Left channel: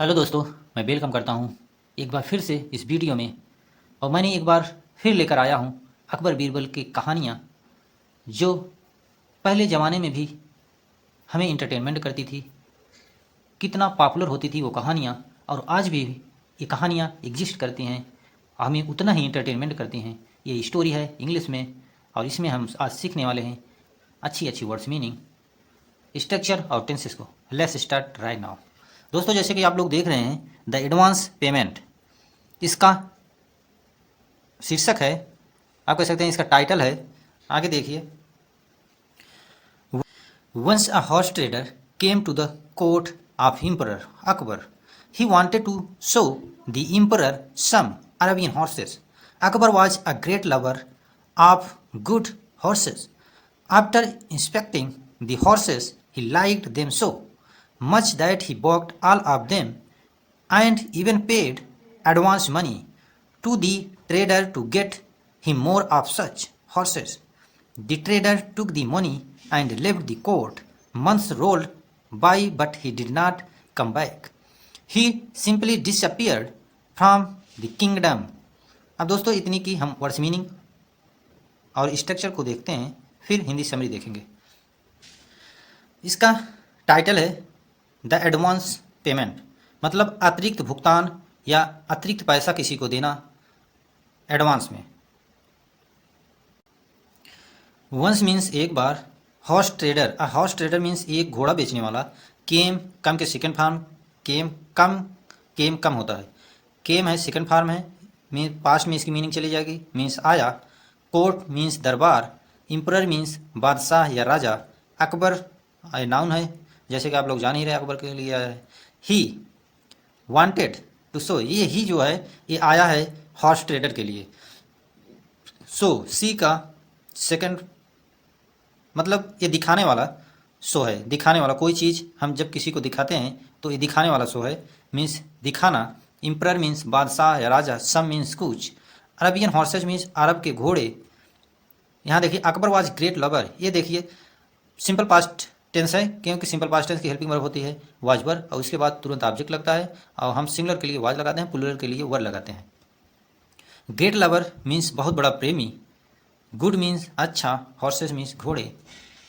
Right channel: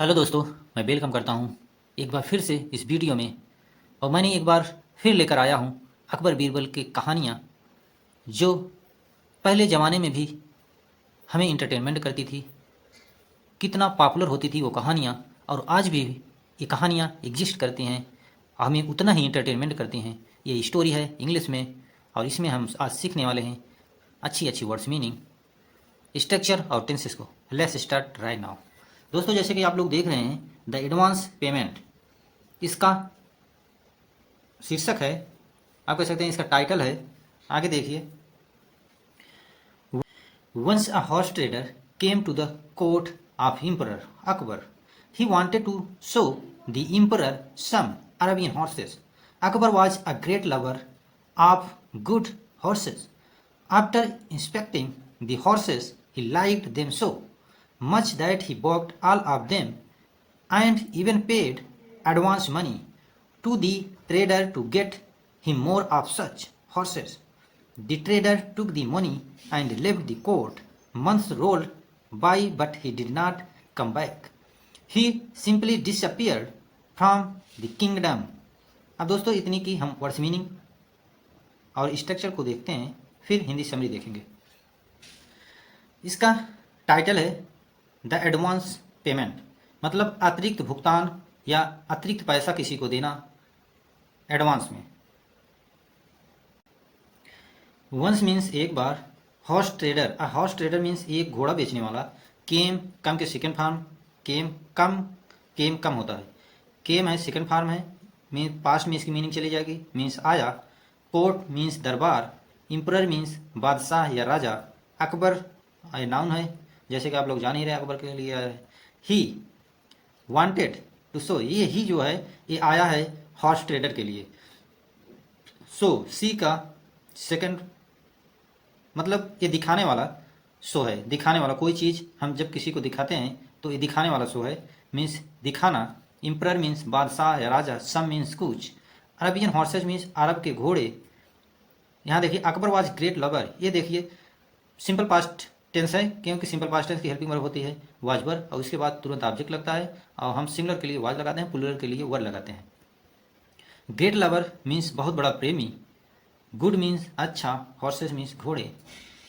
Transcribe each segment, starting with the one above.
Hello दोस्तों, मैं welcome करता हूं एक बार फिर से इस वीडियो में। और मैंने एक बार फिर लेकर आया हूं अकबर बीरबल की कहानियां, जो पहले ज़माने में भी हमें इंटरटेनमेंट करती थी। कितना पॉपुलर होती थी वो कहानियां, और आज भी ये कहानियां एग्जिस्ट करती हैं, हमें उतना ही इंटरटेनमेंट करती हैं। ये स्टोरी है इंग्लिश में, और इसमें हम आज सीखने वाले हैं अच्छी अच्छी वर्ड्स मीनिंग, स्ट्रक्चर और टेंसेस को। Let's start right now. दोस्तों, जैसे कि आप लोग देख रहे हैं, द एडवांस पेमेंट इसका शीर्षक है, आप कह सकते हैं इसका टाइटल है। आगे देखिए। Once a horse trader came to the court of emperor Akbar. He wanted to show the emperor some Arabian horses. Akbar was a great lover of good horses. After inspecting the horses, he liked them so much that he bought all of them and even paid advance money to the trader to get him more of such horses. The trader took the money and left the court. Months rolled by, but he did not come back. He simply disappeared from the kingdom. अब दोस्तों, इतनी की हम words meaning और structure को देखते हैं, फिर हिंदी समरी देखेंगे। इसका टाइटल है द एडवांस पेमेंट, मतलब अतिरिक्त भुगतान या अतिरिक्त पैसा किसी को देना एडवांस में। वंस मीन्स एक बार, horse trader, a horse trader means एक घोड़ा बेचने वाला। केम, कम के सेकंड फॉर्म, केम कम होता है, केम है सेकंड फॉर्म है, मीन पास्ट में इसकी मीनिंग चली जाएगी, मीन्स आया। कोर्ट मीन्स दरबार। इम्परर मीन्स बादशाह या राजा। अकबर नाउन है, जैसे कि आप लोग जान ही रहे अकबर के लिए आया है। ही वांटेड टू शो, ये ही जो है ये आया है हॉर्स ट्रेडर के लिए। सो सी का सेकंड मतलब ये दिखाने वाला शो है, दिखाने वाला कोई चीज़ हम जब किसी को दिखाते हैं तो ये दिखाने वाला शो है, मीन्स दिखाना। इम्परर मीन्स बादशाह या राजा। सम मीन्स कुछ। अरबियन हॉर्सेज मीन्स अरब के घोड़े। यहाँ देखिए अकबर वाज ग्रेट लवर, ये देखिए सिंपल पास्ट टेंस है, क्योंकि सिंपल पास्ट टेंस की हेल्पिंग वर्ब होती है वाज वर, और उसके बाद तुरंत ऑब्जेक्ट लगता है, और हम सिंगुलर के लिए वाज लगाते हैं, प्लूरल के लिए वर लगाते हैं। ग्रेट लवर मीन्स बहुत बड़ा प्रेमी। गुड मीन्स अच्छा। हॉर्सेस मीन्स घोड़े।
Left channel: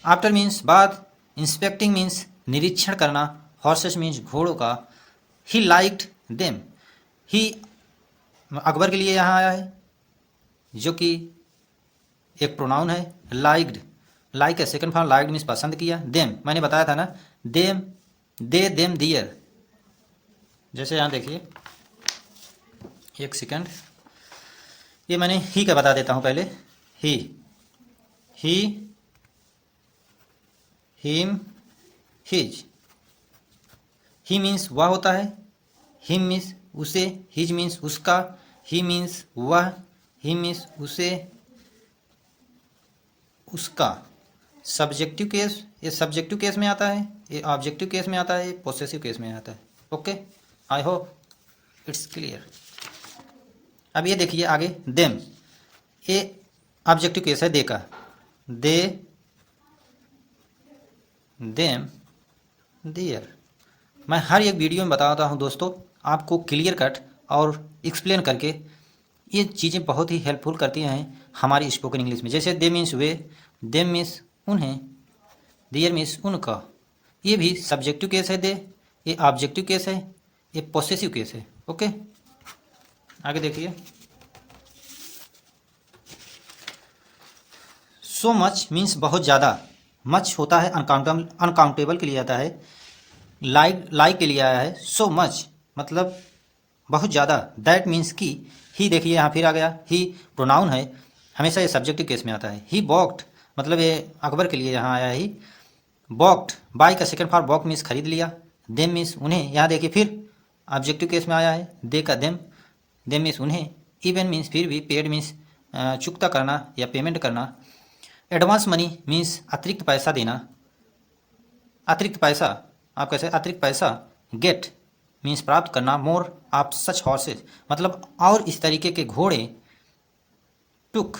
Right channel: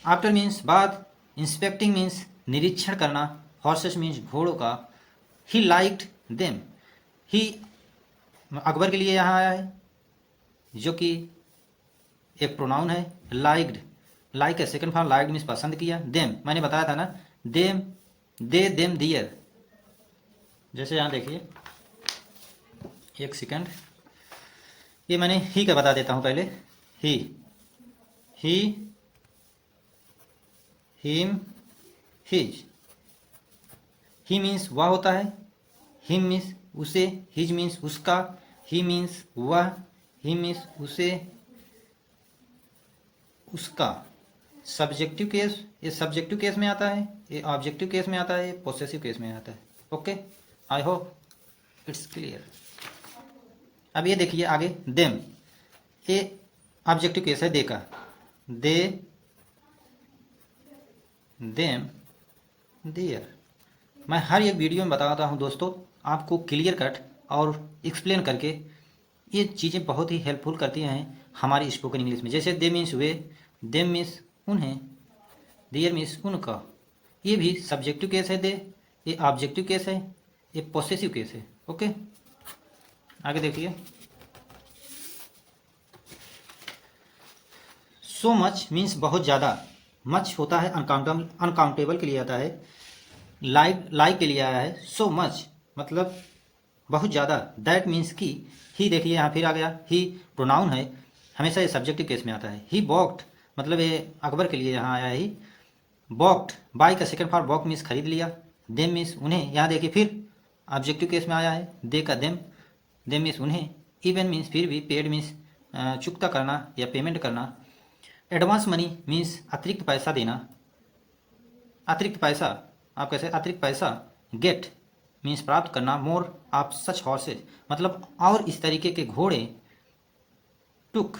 आफ्टर मीन्स बाद। इंस्पेक्टिंग मीन्स निरीक्षण करना। हॉर्सेस मीन्स घोड़ों का। ही लाइक्ड देम, ही अकबर के लिए यहाँ आया है, जो कि एक प्रोनाउन है। लाइक्ड, लाइक का सेकंड फॉर्म, लाइक्ड मीन्स पसंद किया। देम मैंने बताया था ना, देम, दे देम दियर। जैसे यहाँ देखिए, एक सेकंड, ये मैंने ही का बता देता हूँ पहले। ही, हिम, हिज। ही मीन्स वह होता है, हिम मीन्स उसे, हिज मीन्स उसका, ही मीन्स वह, ही मीन्स उसे, उसका। सब्जेक्टिव केस, ये सब्जेक्टिव केस में आता है, ये ऑब्जेक्टिव केस में आता है, ये पोसेसिव केस में आता है। Okay, I hope it's clear. अब ये देखिए आगे, देम, ये ऑब्जेक्टिव केस है, दे का। दे, देम, देयर। मैं हर एक वीडियो में बताता हूँ दोस्तों, आपको क्लियर कट और एक्सप्लेन करके। ये चीज़ें बहुत ही हेल्पफुल करती हैं हमारी स्पोकन इंग्लिश में। जैसे दे मीन्स वे, देम मीन्स उन्हें, देयर मीन्स उनका। ये भी सब्जेक्टिव केस है दे, ये ऑब्जेक्टिव केस है, ये पोसेसिव केस है। ओके, आगे देखिए। सो मच मीन्स बहुत ज़्यादा। मच होता है अनकाउंटेबल के लिए आता है। लाइक के लिए आया है। सो मच मतलब बहुत ज़्यादा। दैट मीन्स की। ही देखिए यहाँ फिर आ गया, ही प्रोनाउन है, हमेशा ये सब्जेक्टिव केस में आता है। ही बॉक्ड मतलब ये अकबर के लिए यहाँ आया है। ही बॉक्ड, बाई का सेकंड फॉर्म बॉक मीन्स खरीद लिया। देम मीन्स उन्हें, यहाँ देखिए फिर ऑब्जेक्टिव केस में आया है, दे का देम, देम मीन्स उन्हें। इवन मीन्स फिर भी। पेड मीन्स चुकता करना या पेमेंट करना। एडवांस मनी मीन्स अतिरिक्त पैसा देना। अतिरिक्त पैसा, आप कैसे अतिरिक्त पैसा। गेट मीन्स प्राप्त करना। मोर ऑफ सच हॉर्सेज मतलब और इस तरीके के घोड़े। टुक,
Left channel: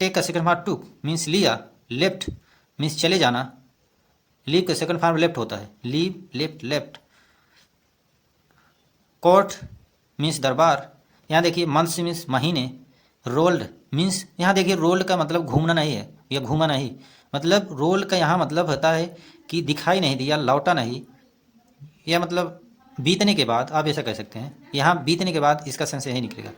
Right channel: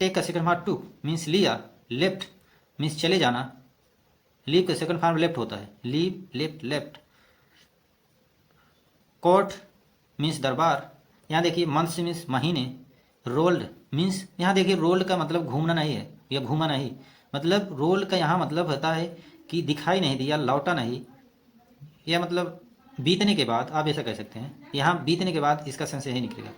टेक का सेकंड फॉर्म टुक मीन्स लिया। लेफ्ट मीन्स चले जाना। लीव का सेकंड फॉर्म लेफ्ट होता है, leave, left, left. Court means दरबार, यहाँ देखिए मंथ्स मीन्स महीने, रोल्ड मीन्स यहाँ देखिए रोल्ड का मतलब घूमना नहीं है या घूमा नहीं, मतलब रोल का यहाँ मतलब होता है कि दिखाई नहीं दिया, लौटा नहीं, या मतलब बीतने के बाद, आप ऐसा कह सकते हैं, यहाँ बीतने के बाद इसका सेंस यही निकलेगा।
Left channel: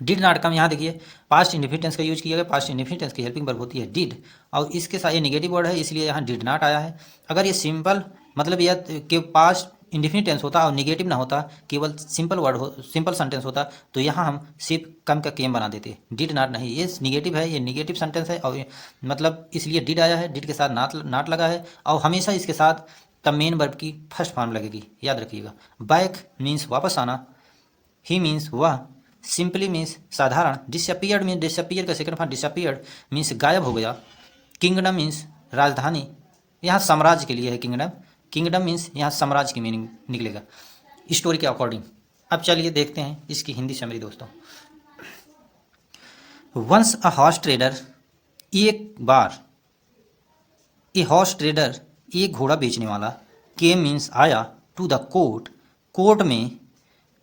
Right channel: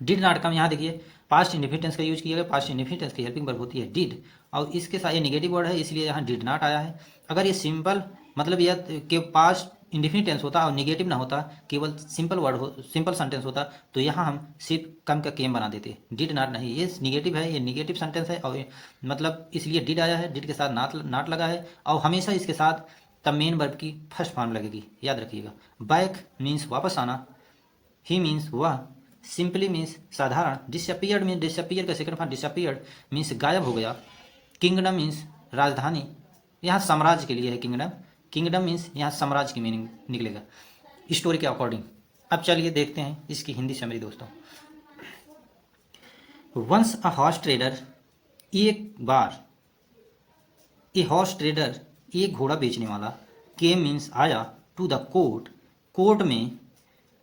डिड नॉट कम, यहाँ देखिए पास्ट इंडिफिनिट का यूज किया गया, पास्ट इंडिफिनिट की हेल्पिंग वर्ब होती है डिड, और इसके साथ ये नेगेटिव वर्ड है इसलिए यहाँ डिड नॉट आया है। अगर ये सिंपल मतलब यह कि पास्ट इंडिफिनिट टेंस होता और नेगेटिव ना होता, केवल सिंपल वर्ड हो, सिंपल सेंटेंस होता, तो यहाँ हम सिर्फ कम का केम बना देते, डिड नॉट नहीं, ये नेगेटिव है, ये नेगेटिव सेंटेंस है, और मतलब इसलिए डिड आया है, डिड के साथ नॉट लगा है, और हमेशा इसके साथ द मेन वर्ब की फर्स्ट फॉर्म लगेगी, याद रखिएगा। बैक मीन्स वापस आना, ही मीन्स वह, सिंपली मीन्स साधारण, डिसअपियर्ड मीन्स डिसअपियर का सेकंड फॉर्म डिसअपियर्ड मीन्स गायब हो गया, किंगडम मीन्स राजधानी, यहाँ साम्राज्य के लिए है किंगडम, किंगडम मीन्स यहाँ साम्राज्य की मीनिंग निकलेगा स्टोरी के अकॉर्डिंग। अब चलिए देखते हैं इसकी हिंदी समरी दोस्तों। वंस अ हॉर्स ट्रेडर, एक बार, ए हॉर्स ट्रेडर एक घोड़ा बेचने वाला, केम मीन्स आया, टू द कोर्ट कोर्ट में,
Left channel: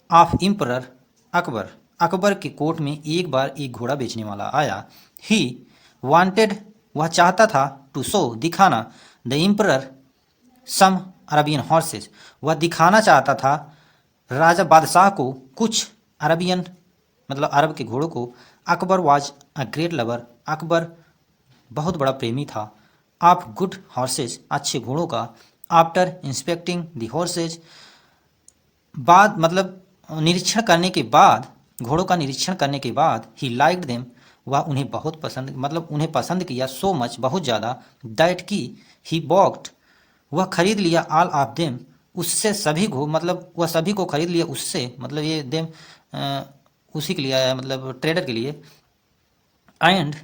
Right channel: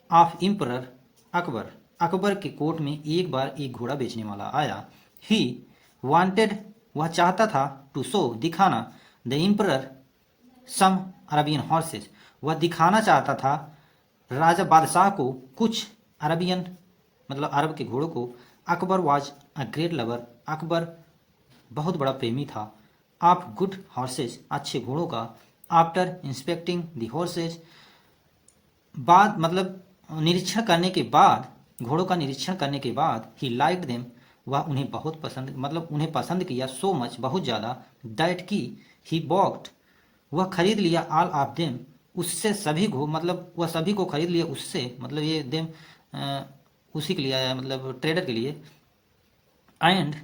ऑफ इम्परर अकबर अकबर के कोर्ट में एक बार एक घोड़ा बेचने वाला आया। ही वांटेड वह चाहता था, टू शो दिखाना, द इम्परर सम अरबियन हॉर्सेस वह दिखाना चाहता था राजा बादशाह को कुछ अरबियन मतलब अरब के घोड़ों को। Akbar was a great lover Akbar बहुत बड़ा प्रेमी था, ऑफ गुड हॉर्सेस अच्छे घोड़ों का, आफ्टर इंस्पेक्टिंग द हॉर्सेज बाद मतलब निरीक्षण करने के बाद, घोड़ों का निरीक्षण करने के बाद, ही लाइक्ड देम वह उन्हें बहुत पसंद मतलब उन्हें पसंद किया, सो मच बहुत ज़्यादा, दैट की ही बॉक्ड वह खरीद लिया, ऑल ऑफ देम उससे सभी को मतलब वह सभी को खरीद लिया उससे मतलब ये देम उसी के लिए आया मतलब ट्रेडर के लिए, एंड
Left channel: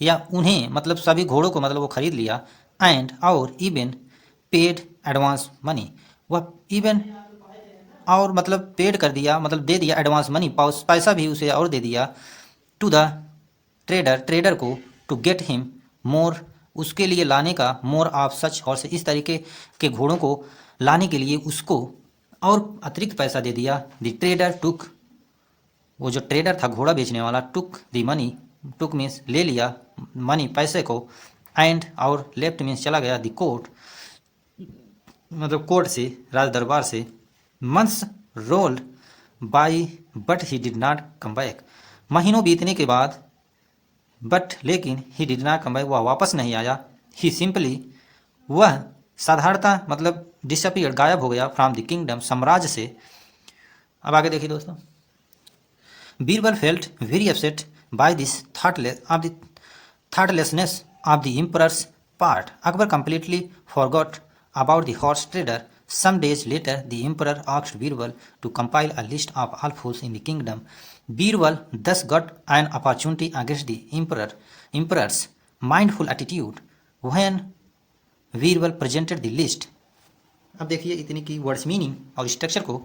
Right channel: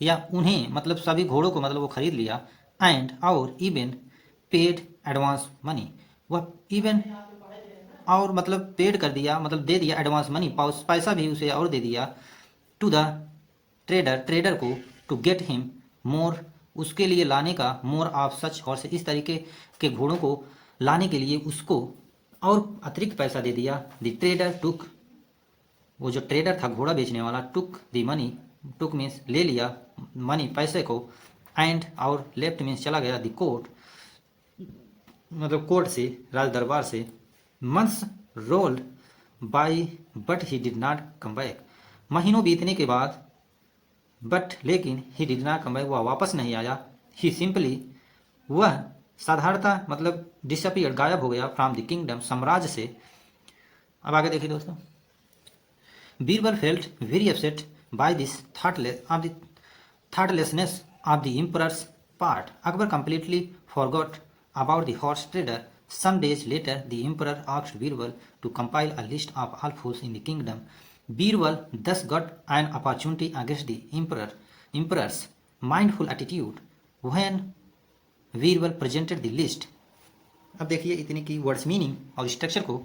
या उन्हें मतलब सभी घोड़ों को मतलब वो खरीद लिया, एंड और इवन पेड एडवांस मनी वह इवन और मतलब पेड कर दिया मतलब दे दिया एडवांस मनी पैसा भी उसे और दे दिया, टू द ट्रेडर ट्रेडर को, टू गेट हिम मोर उसके लिए लाने का, मोर ऑफ सच हॉर्स इस तरीके के घोड़ों को लाने के लिए उसको और अतिरिक्त पैसा दे दिया। द ट्रेडर टुक वो जो ट्रेडर था घोड़ा बेचने वाला, took the money took means ले लिया मनी पैसे को, एंड और लेफ्ट मीन्स चला गया, द कोर्ट मतलब कोर्ट से राज दरबार से। Months rolled by but he did not come back महीनों बीतने के बाद, बट लेकिन he did not come back वह वापस नहीं आया, ही सिंपली वह साधारणतः मतलब डिसअपियर गायब हो गया, फ्रॉम द किंगडम साम्राज्य से। अब आगे देखिए दोस्तों। Birbal felt very upset by this thoughtlessness of the emperor's part, Akbar completely forgot about the horse trader. Some days later, the emperor asked Birbal to compile a list of all fools in the kingdom. Birbal thus got an opportunity against the emperor's mindful attitude when Birbal presented the list. अब देखिए इतनी की words meaning और structure को।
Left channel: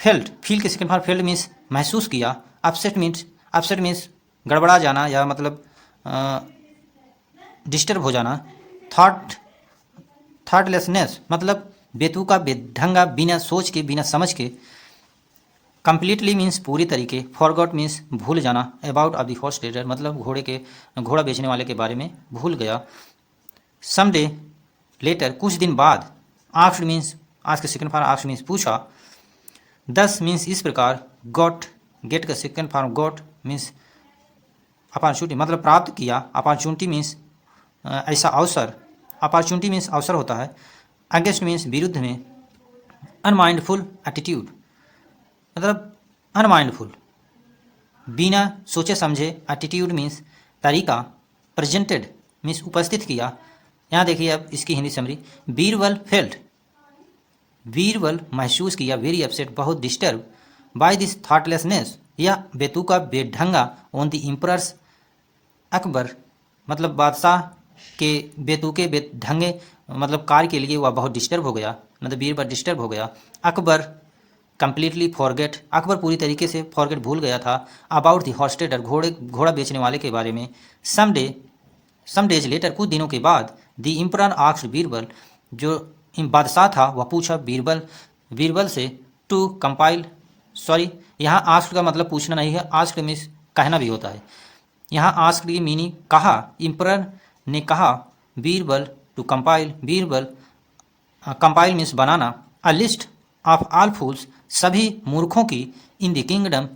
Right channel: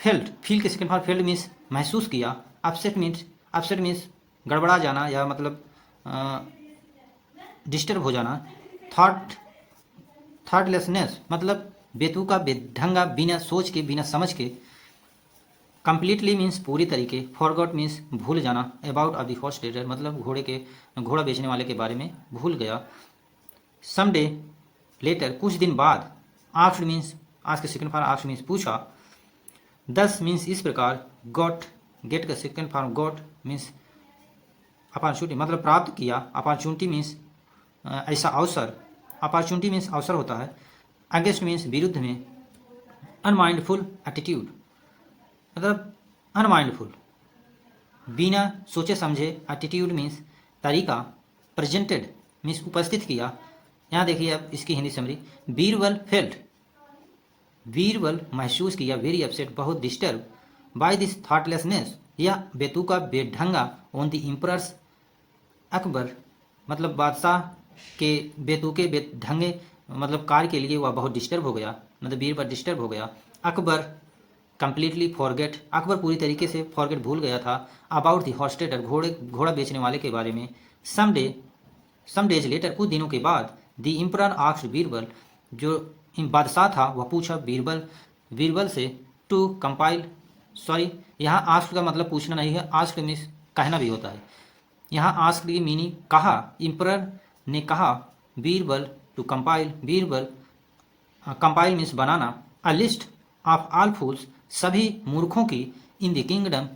Felt feel के second form felt means महसूस किया, upset means गड़बड़ा जाना या मतलब डिस्टर्ब हो जाना, थॉटलेसनेस मतलब बेतुका बेढंगा बिना सोच के बिना समझ के, कंप्लीटली मीन्स पूरी तरीके, फॉरगॉट मीन्स भूल जाना, about of the horse trader मतलब घोड़ा बेचने वाले के बारे में भूल गया, सम डे लेटर कुछ दिन बाद, आस्क्ड मीन्स आज के सेकंड फॉर्म आस्क्ड मीन्स पूछा, दस मीन्स इस प्रकार, गॉट गेट का second form got means opportunity मतलब प्राप्त किया, अपॉर्चुनिटी मीन्स ऐसा अवसर, अपॉर्चुनिटी मीन्स अवसर होता है, अगेंस्ट मीन्स विरुद्ध में, अनमाइंडफुल एटीट्यूड मतलब अनमाइंडफुल बिना सोचे समझे, एटीट्यूड मीन्स तरीका, प्रेजेंटेड मीन्स उपस्थित किया। यहाँ देखिए अब इसकी हिंदी समरी। बीरबल फेल्ट बीरबल महसूस किया, वेरी अपसेट बहुत डिस्टर्ब, बाय दिस थॉटलेसनेस या बेतुका बेढंगा, ऑन द इम्परर्स अकबर मतलब बादशाह के बेतुके बेढंगे मतलब कार्य के लिए वह बहुत डिस्टर्ब हो गया मतलब बीरबल डिस्टर्ब हो गया। अकबर कंप्लीटली फॉरगेट अकबर पूरी तरीके से फॉरगेट भूल गया था, अबाउट द हॉर्स ट्रेडर घोड़ा बेचने वाले के बारे में, सम डेज लेटर कुछ दिनों के बाद, द इम्परर आस्क्ड बीरबल जो बादशाह था वह पूछा बीरबल से टू कंपाइल, सॉरी यहाँ आस्क्ड का मतलब पूछना नहीं है, आस्क्ड मीन्स कहना भी होता है। यहाँ आस्क्ड की मीनिंग कहा, एम्परर ने कहा Birbal to compile, Birbal compile means बनाना, a list of all fools सभी मूर्खों की, इन द किंगडम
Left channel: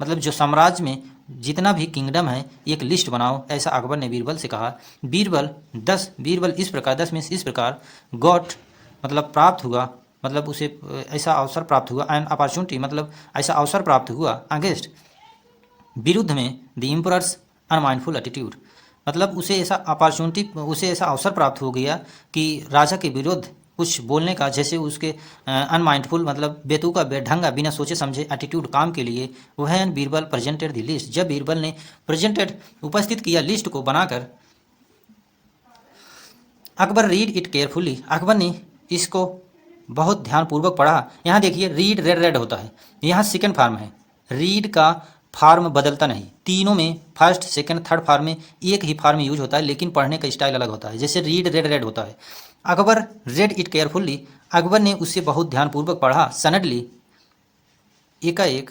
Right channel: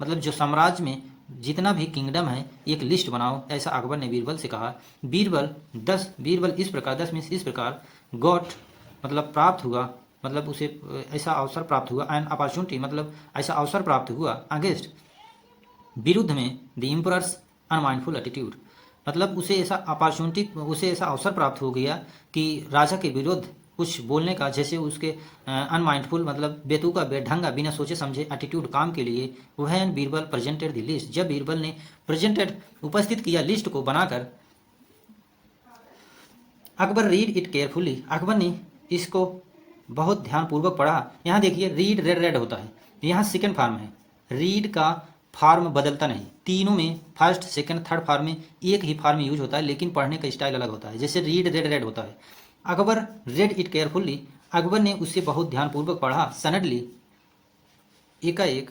मतलब जो साम्राज्य में जितना भी किंगडम है एक लिस्ट बनाओ, ऐसा अकबर ने बीरबल से कहा। बीरबल इस प्रकार, 10 मीन्स इस प्रकार, गॉट मतलब प्राप्त हुआ, मतलब उसे ऐसा अवसर प्राप्त हुआ, एंड अपॉर्चुनिटी मतलब ऐसा अवसर प्राप्त हुआ, अगेंस्ट विरुद्ध में द एम्परर्स अनमाइंडफुल एटीट्यूड मतलब उसे ऐसा अपॉर्चुनिटी, उसे ऐसा अवसर प्राप्त हो गया कि राजा के विरुद्ध कुछ बोलने का, जैसे उसके अनमाइंडफुल मतलब बेतुका बेढंगा बिना सोचे समझे एटीट्यूड काम के लिए। वह बीरबल प्रेजेंटेड द लिस्ट, जब बीरबल ने प्रेजेंटेड उपस्थित किया लिस्ट को बनाकर, Akbar read it carefully, Akbar ने इसको बहुत ध्यानपूर्वक पढ़ा। यहाँ देखिए रीड रेड होता है, यहाँ सेकेंड फार्म है, रीड का फार्म बदलता नहीं, तीनों में फर्स्ट सेकंड थर्ड फार्म में एक ही फार्म यूज होता है, लेकिन पढ़ने का स्टाइल अलग होता है। जैसे रीड रेड होता है, Akbar read it carefully, Akbar ने उससे बहुत ध्यानपूर्वक पढ़ा। सडनली एकाएक,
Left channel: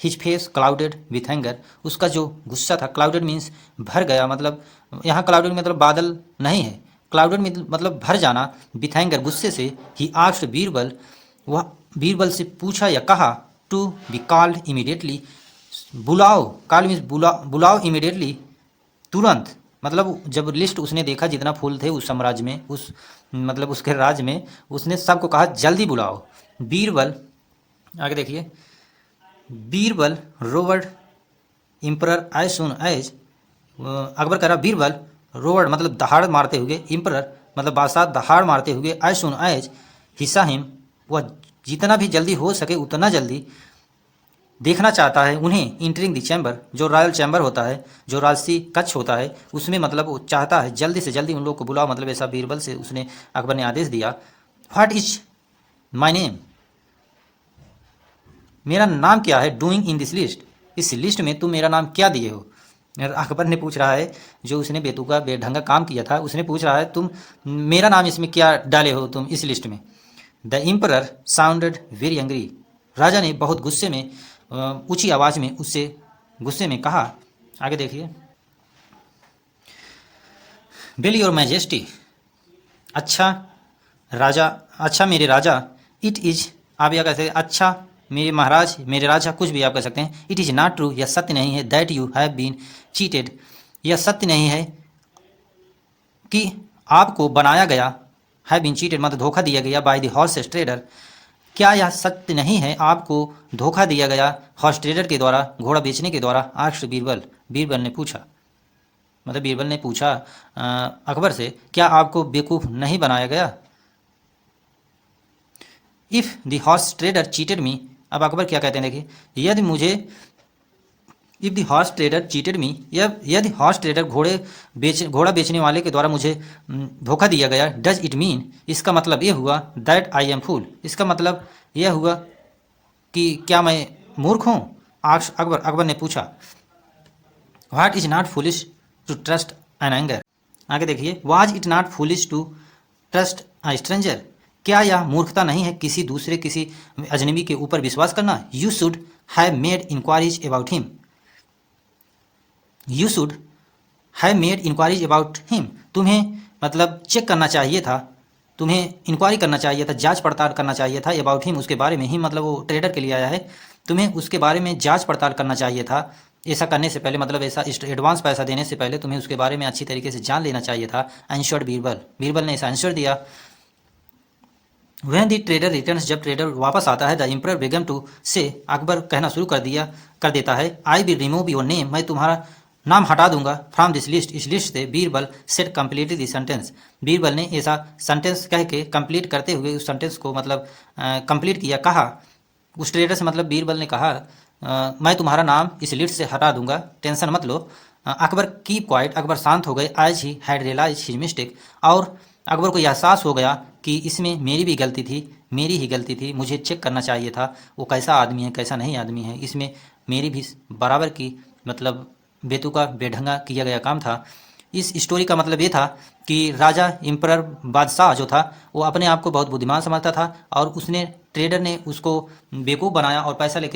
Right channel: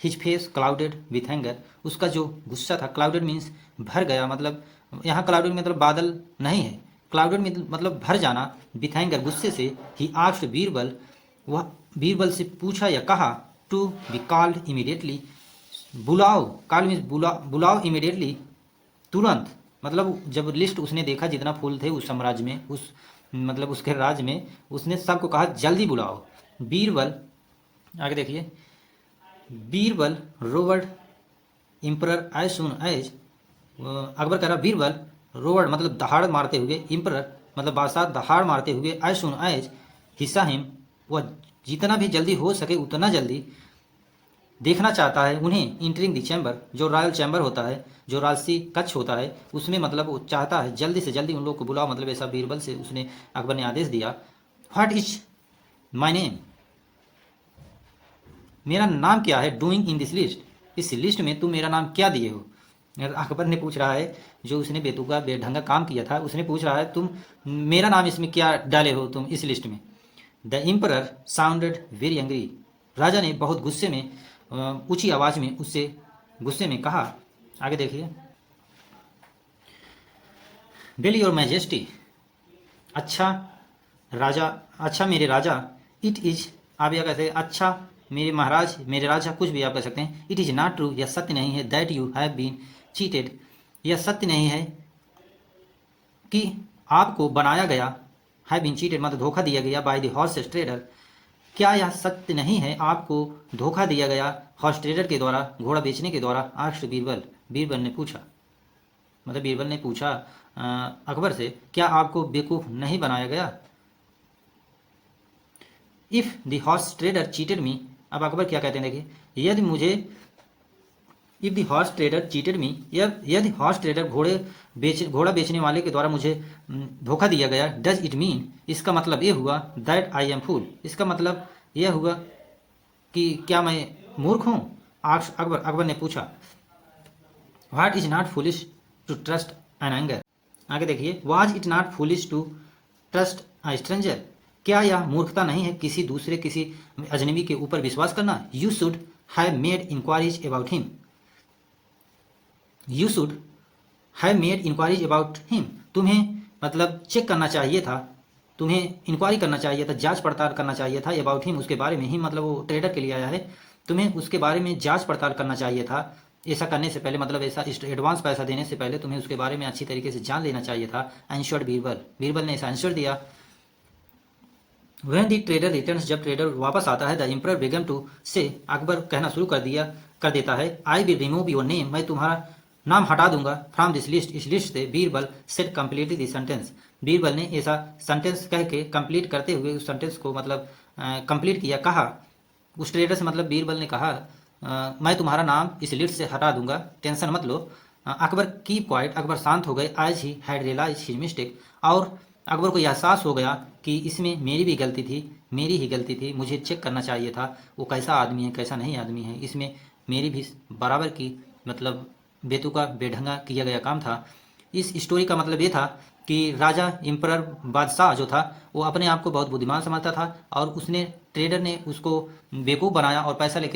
his face clouded with anger, उसका जो गुस्सा था, क्लाउडेड मीन्स भर गया, मतलब यहाँ क्लाउडेड मतलब बादल नहीं है, क्लाउडेड मतलब भर जाना, विथ एंगर गुस्से से। ही आस्क्ड बीरबल, वह बीरबल से पूछा या कहा, टू बी कॉल्ड इमीडिएटली, बुलाओ, कॉल मीन्स बुलाओ इमीडिएटली, तुरंत, मतलब जब लिस्ट उसने देखा जितना फूल थे उस साम्राज्य में, उस मतलब उसके राज्य में, उसने सबको कहा जल्दी बुलाओ। बीरबल, आगे देखिए, Birbal rewarded emperor as soon as, Akbar कह रहा बीरबल रोवर्ड मतलब दहाड़ मारते हुए, एम्परर मतलब बादशाह दहाड़ मारते हुए, एज सुन एज हिस्सा हिम, वह जितना भी जल्दी हो सके उतना जल्दी देखना चाहता है उन्हें, इंटरिंग द चैम्बर, जो रॉयल चैम्बर होता है, जो राजसी कक्ष होता है, उसमें मतलब वो चाहता है जल्दी से जल्दी उन लोग को बुलाओ, मतलब ऐसा बीरबल से उसने अकबर ने आदेश दिया। व्हाट इज माई नेम, मेरा नाम क्या है, डूइंग इन दिस लिस्ट, इस लिस्ट में तुम मेरा नाम क्या दिए हो। अकबर ने पूछ रहा है, जो उसने बेतुका बेढंगा काम किया था, उसने पूछ रहा है तुम मेरा नाम इसमें क्या डाले हो तुम इस लिस्ट में। The emperor sounded very angry, राजा ने बहुत गुस्से में ऊंची आवाज़ में उससे गुस्से में कहा। आगे देखिए, बिल योर मैजेस्टी, अच्छा राजा, अच्छा मेरे राजा, इट इज़, आप यह कहते हैं अच्छा मेरे महाराज, मेरे राजा, कुछ भी आप कह सकते हैं। इट इज़ नॉट ट्रू, यह सत्य नहीं है, that you have been cheated, यह सत्य नहीं है कि आपको बनाया गया, हैव बीन चीटेड मतलब धोखा दिया गया, बाय द हॉर्स ट्रेडर, क्या यह सत्य नहीं है आपको धोखा दिया गया हॉर्स ट्रेडर के द्वारा, घोड़ा बेचने के द्वारा। आस्क्ड बीरबल, बीरबल ने पूछा, मतलब बीरबल ने पूछा अकबर से, क्या आपको बेवकूफ़ नहीं बनाया गया। If the horse trader cheated मी, अब अकबर क्या कहते हैं देखिए, यदि मुझे, if the horse trader cheated मी, यदि हॉर्स ट्रेडर घोड़ा बेचने वाले के द्वारा मुझे धोखा दिया गया, डज इट मीन, इसका मतलब ये हुआ, दैट आई एम फूल, इसका मतलब यह हुआ कि क्या मैं मूर्ख हूँ। अकबर ने पूछा, what is not foolish to trust an anger, आगे देखिए, was it not foolish to trust a stranger, क्या यह मूर्खता नहीं है किसी दूसरे, किसी अजनबी के ऊपर विश्वास करना। You should have made inquiries about him, you should have made inquiries about him, तुम्हें मतलब चेक करना चाहिए था, तुम्हें इंक्वायरी करना चाहिए था, जांच पड़ताल करना चाहिए था, अबाउट हिम उसके बारे में, ही मतलब वो ट्रेडर के लिए आया है, तुम्हें उसके बारे में जांच पड़ताल करना चाहिए था। ऐसा करने से पहले मतलब ऐसा एडवांस पैसा देने से पहले तुम्हें उसके बारे में अच्छी तरीके से जान लेना चाहिए था। आंसर्ड बीरबल, बीरबल ने ऐसा आंसर दिया। व्हेन द ट्रेडर रिटर्न्स, जब ट्रेडर वापस आता है, द एम्परर बिगन टू से, अकबर कहना शुरू कर देता है, I will remove your name, मैं तुम्हारा नाम हटा दूंगा, फ्रॉम दिस लिस्ट, इस लिस्ट से। Birbal set complete this sentence, Birbal ने ऐसा सेंटेंस कह के कंप्लीट करते हुए उस सेंटेंस को मतलब कंप्लीट किया, कहा उस ट्रेडर से, मतलब बीरबल ने कहा मैं तुम्हारा नाम इस लिस्ट से हटा दूंगा, टेंशन मत लो। अकबर कीप क्वाइट, अकबर शांत हो गए, as he had realise his mistake, और अकबर को एहसास हो गया कि इसमें मेरी भी गलती थी, मेरी ही गलती थी, मुझे चेक करना चाहिए था वो कैसा आदमी है कैसा नहीं आदमी है, इसमें मेरी भी बराबर की मतलब बेतुका बेढंगा किया गया काम था। इस स्टोरी का मतलब ये था कि राजा इम्परर बादशाह जो था वो अपने आप को बहुत बुद्धिमान समझता था और उसने ट्रेडर ने उसको बेवकूफ़ बनाया और पैसा लेके